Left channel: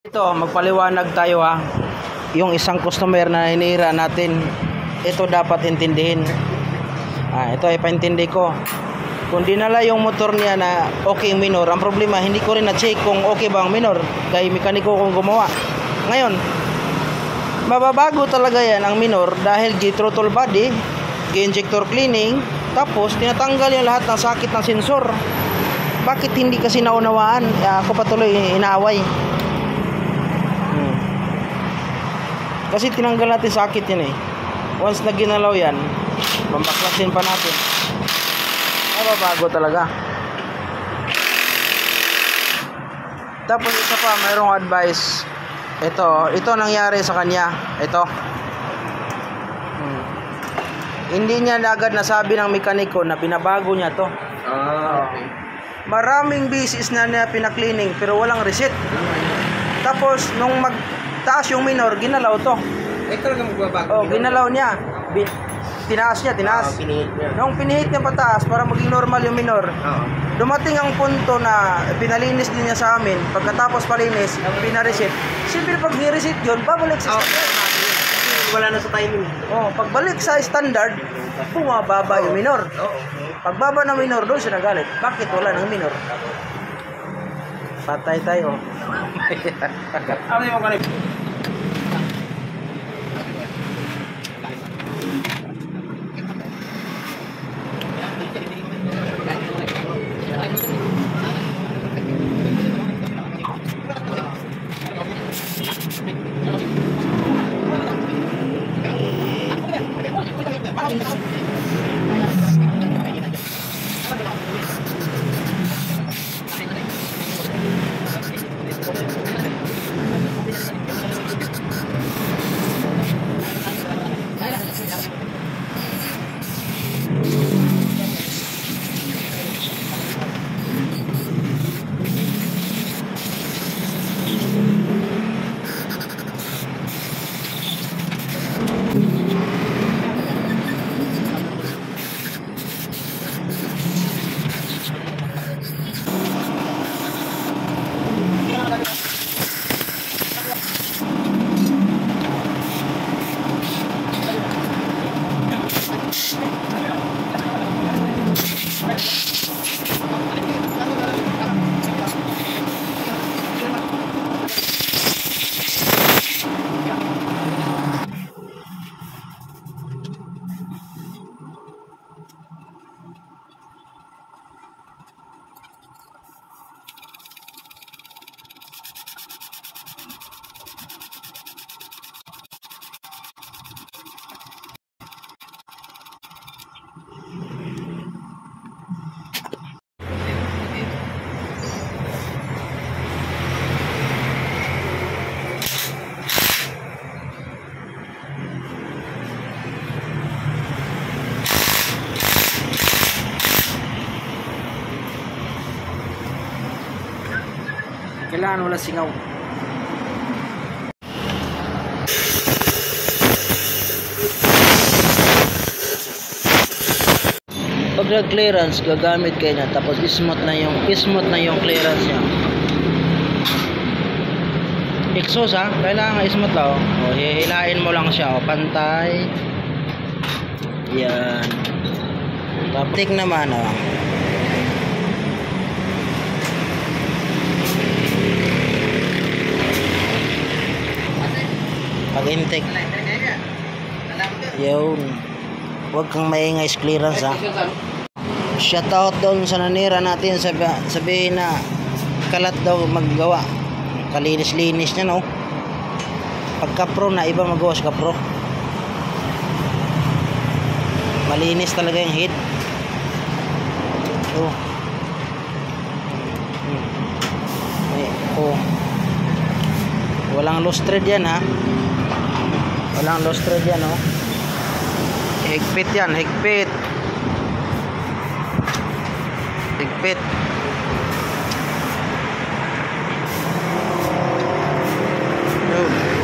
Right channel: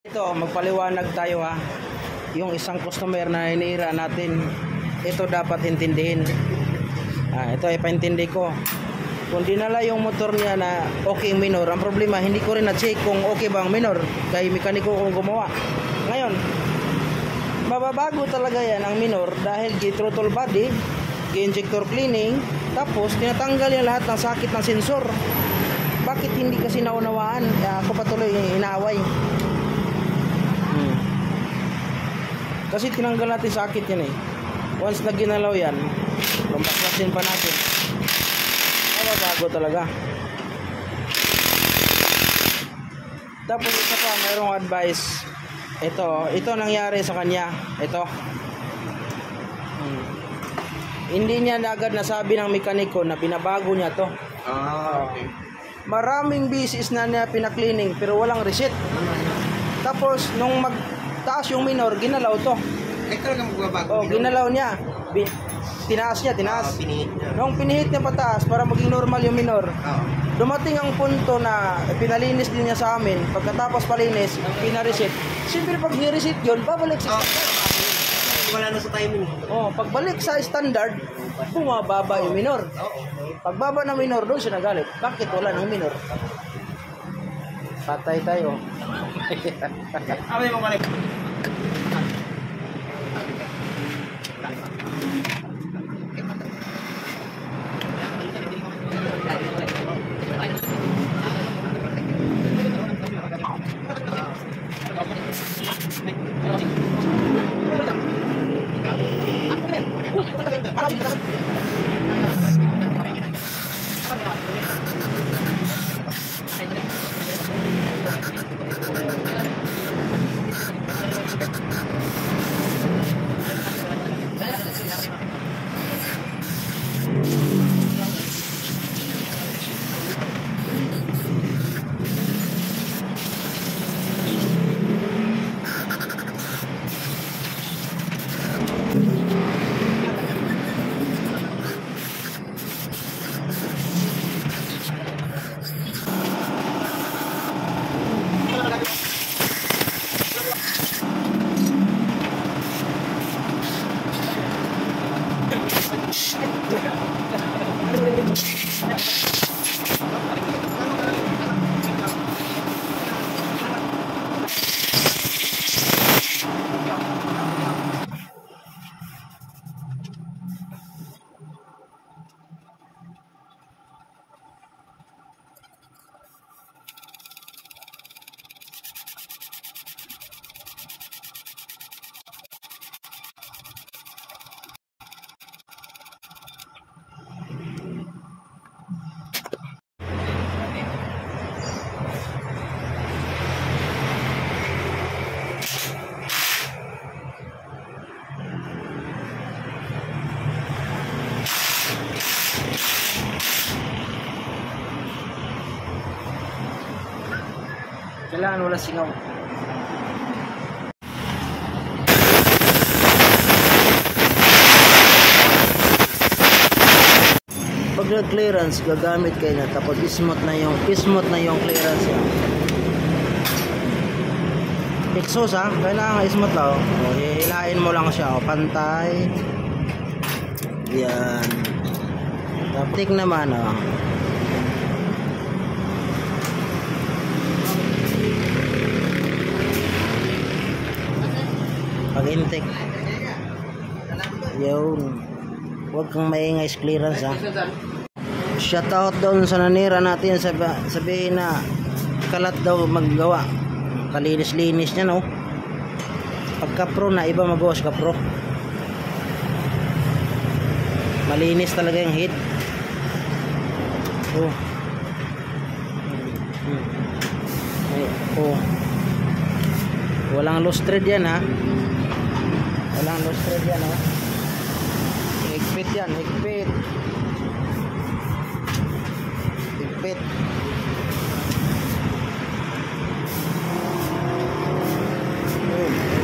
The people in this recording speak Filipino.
Ito, magpaliwanag tayo ha. Yung isang customer na hinihira natin, ito dapat intindihin. Ito ay paintindi ko. Kung dinala yung motor niya na okay minor, ang problema, hindi ko rin na-check kung okay ba ang minor. Kaya mekaniko kong gumawa. Ngayon, mababago talaga yan ang minor dahil gi-throttle body, gi-injector cleaning, tapos tinatanggal yung lahat ng sakit ng sensor. Bakit hindi kasi naunawaan? Ako patuloy inaaway. Kasi tinanggal natin sakit yan eh. Once na ginalaw yan, pambaklasin pa natin. Mababago talaga. Tapos isa pa, mayroong advice. Ito nangyari sa kanya. Ito. Hindi niya agad nasabi ng mekaniko na binabago niya to. Okay. Maraming beses na niya pinaklining pero walang reset. Tapos nung taas yung minor, ginalaw to. Ito na magbabago. Ginalaw niya. Tinaas niya. Nung pinihit niya pataas para maging normal yung minor, dumating ang punto na pinalinis din niya sa amin. Pagkatapos palinis, pinareset. Siyempre pag ni-reset yun, babalik sa standard. Wala na sa timing. Pagbalik sa standard, bumababa yung minor. Pagbaba ng minor, doon siya nagalit. Bakit wala ng minor? Patay tayo. Kailangan wala singaw. Pag nag-clearance, gagamit kayo na tapos smooth na yung clearance niya. Exhaust kailangan smooth lang. Hihilain mo lang siya, pantay. Yan. Tapos tik naman pag intake yun, huwag kang maingay sa clearance shout out doon sa nanira natin, sabihin na kalat daw maggawa, kalinis-linis niya pagka pro na iba magawa sa pro, malinis talaga yung head. Walang loose thread yan walang loose thread yan higpit yan, higpit. Yun.